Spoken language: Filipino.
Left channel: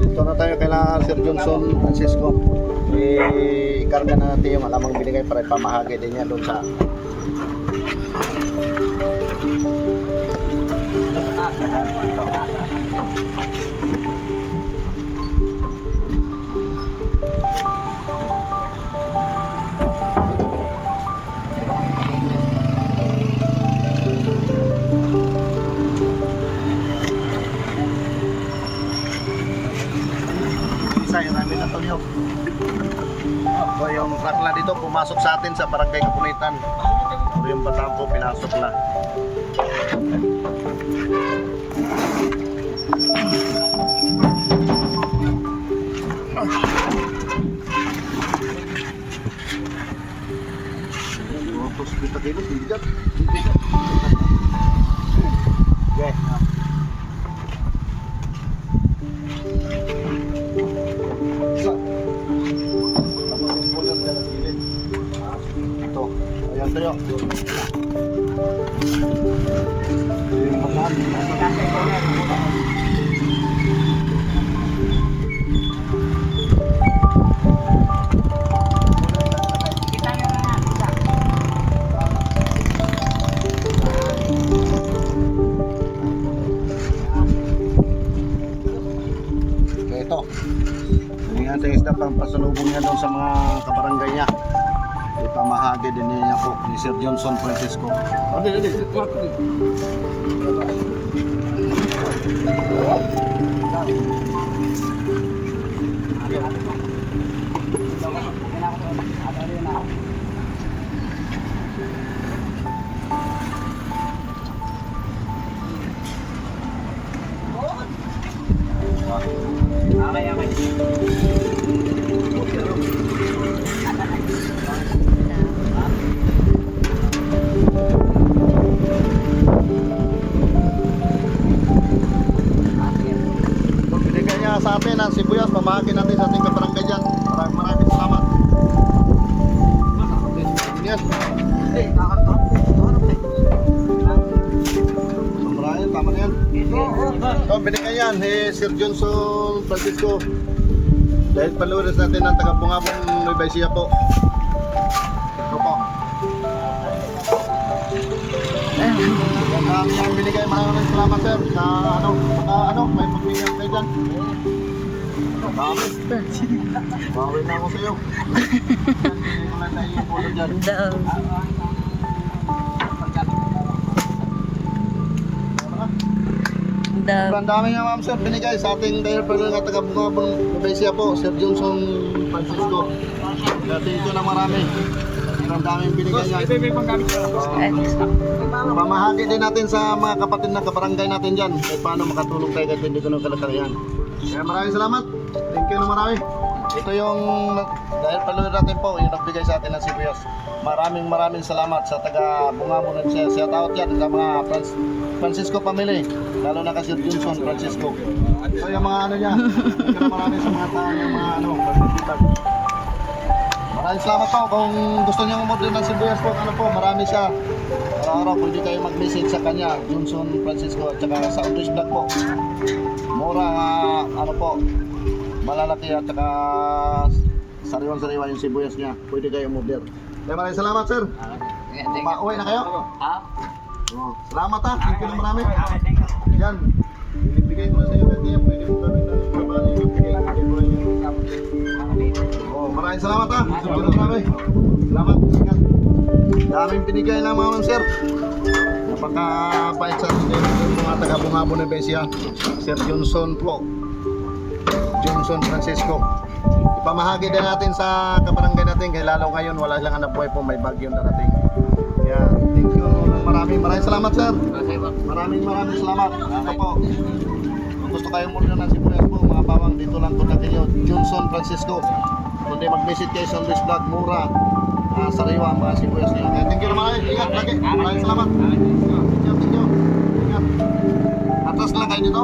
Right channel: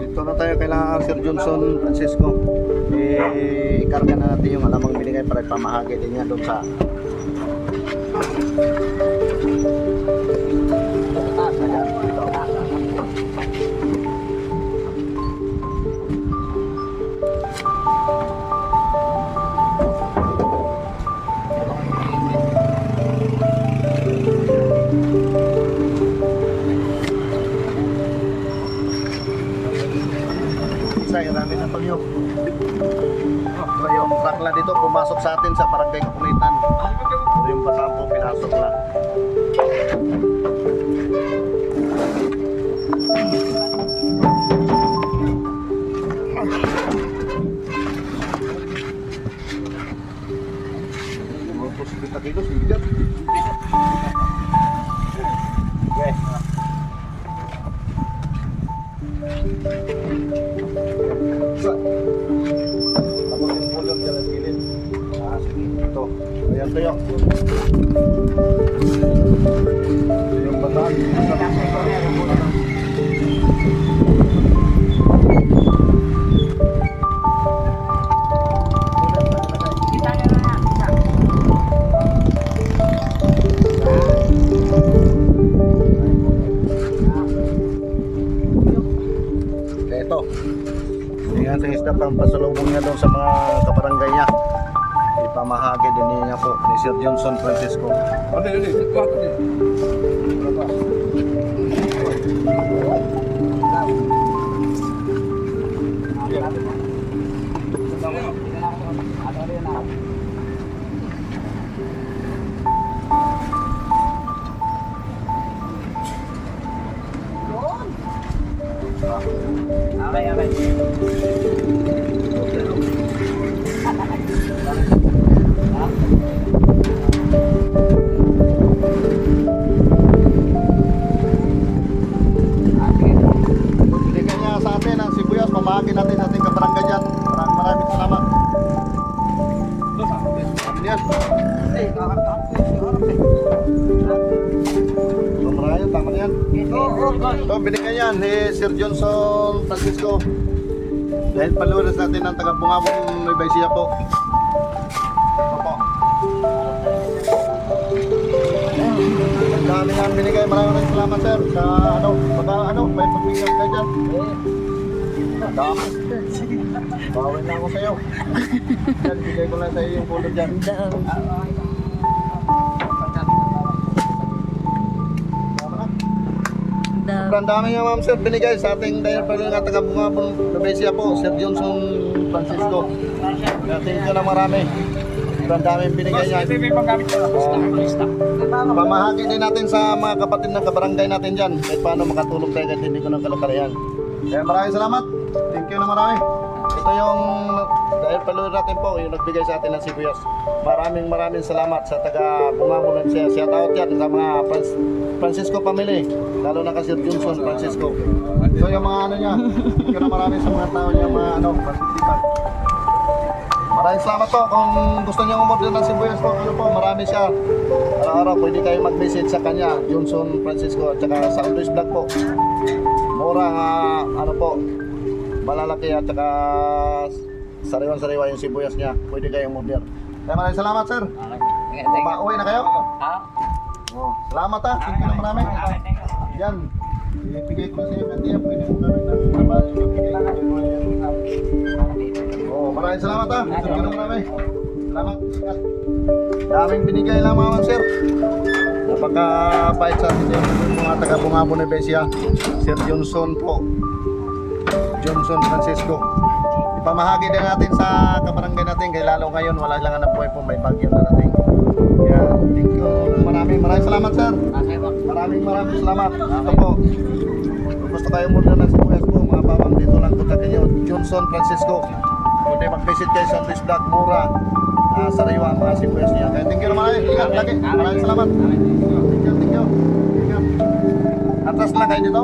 Dito na tayo kailangan Sir Johnson Francisco. I-karga na natin yung alamang binigay para ipamahagi din niya doon sa yung namin ng Tolyo. So yung rakla dito pumasok sa atin sa Barangay Kapunitan. So yung Batampo pinasok na. Okay. Ito. Ayan tayo. Yung bataan. Kaya ito. Yung ating isda pang pasalubong niya doon sa mga kabarangay niya. Ipamahagi din niya po ni Sir Johnson Francisco. Ano yun eh? Binigay niya sa atin ang sibuyas, pamahagi natin sa ating kabarangay dyan. Maraming salamat. Yan. Marami, tama na yan. So, binigay yan ni Sir Johnson Francisco. Dahil paluras natin ang taga-Bungabong Nueva Ecija po. Ito po. Ang dami yan binigay. Maraming salamat sir. Sa may pagbigay kayo dyan. Ang dami. Bawin na ako sa'yo. Yan, bigay ko lang sa'yo yung pulog dyan. Ang dami nga ma'am sir binigay sa ating dahil pala nga taga-Bungabong Nueva Ecija po, Sir Johnson Francisco. Thank you na marami. Ang daming binigay niya. Pamahagi din natin sa mga kapatid na kabarangay natin dyan. Kahit paano makatulong tayo kahit hindi ko ng kalakarihan. Kaya maraming salamat. Thank you na marami. Ito yung dahil paluin natin po yung nagbigay sa atin ng sibuyas. Maraming salamat sa taga Bungabong ng shout out yan sa mga Francisco family, lalo na kasi Johnson Francisco. So yung mga ano niya, maraming sa mga tao niya mga pagtitipan. Maraming salamat po. Kung gusto niyo umorder ng sibuyas po, marami siya. Araw-araw pwede kayo mag-message sa kanya, Johnson Francisco, at saka sa Andres Vlog po. Mura po, malalaki at saka sariwan-sariwa yung sibuyas niya. Pwede kayo umorder. Kaya maraming salamat sir. Uwi na kayo? Salamat ha. Thank you na marami. Yan. Ibigay ko na sa iyo kanina. Pwede mo gamit ng trabaho. Ibigay ko na maraming salamat ha. Thank you na marami. Salamat. Ingat. Daming binigay lang mga sir. Napaka-pait sa atin yung mga taga-Bungabong Nueva Ecija. Sir Johnson po. Johnson Francisco. Ipamahagi din natin sa kabarangay natin. Kaya lalo ngayon wala lang na buhay po. May bagyo na natin. Kaya thank you. Maraming salamat sir. Maraming salamat. Ito po. Kung gusto kayo muna ng sibuyas po, mga babang dito lang kontakin nyo. Johnson Francisco. Kundi mag-visit kayo sa Andres Vlog. Mura. Sariwa mga sibuyas niya. Kaya thank you naman. Ingat lagi. Maraming salamat. Thank you. Ingat. Atras lang kayo dito.